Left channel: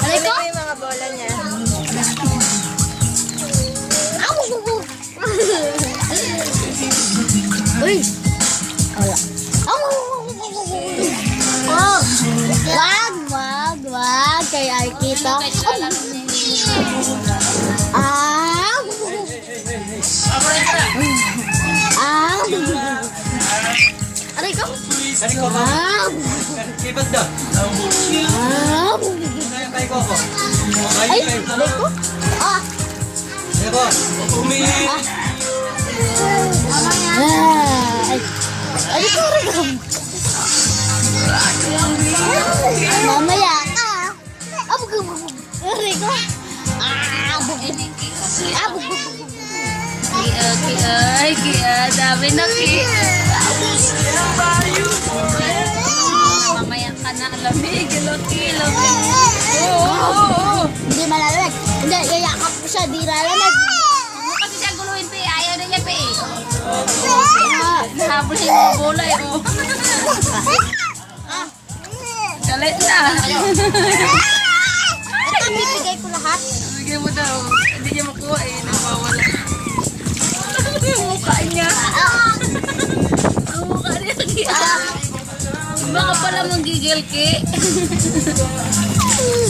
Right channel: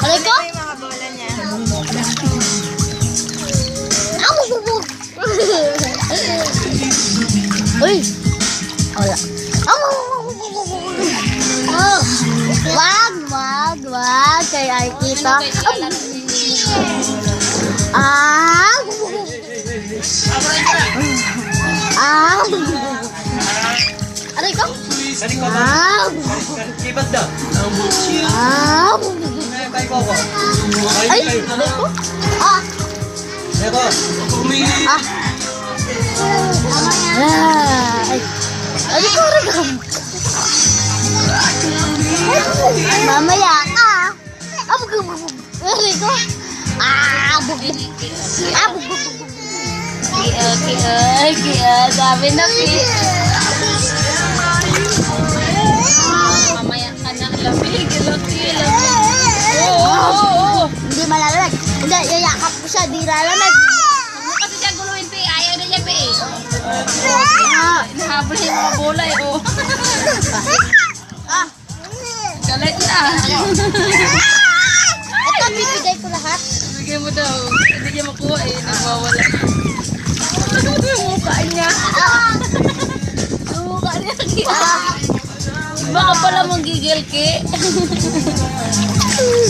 Aray ko? Mga bola niya. Uy! Wala. Oh! Wag! Kaya ay kita. Ah! Ah! Aray ko? Ah! Libat daw. Ah! Ay ko ako. Ay! Aray ko? Ah! Eko. Ah! Ah! Ay! Aray ko! Mamaya ka! Aray ko! Ah! Sabi na, Ki. Mamaya ka na, lamig. Hindi malalag. Hindi, yayakap ko siya. Di lalamig. Ano kasi siya guluhin, Pi? Ayaw na niya, Pi. Nahabol siya yung mga bola, eh. Ah! Galit niya. Ito, bibigay ko lahat. Bigyan mo daw. Hindi niya makuha, eh. Nagwawala. Yung mukha niya. Ang mukha niya. Ah! Baka pala manggigil, Ki.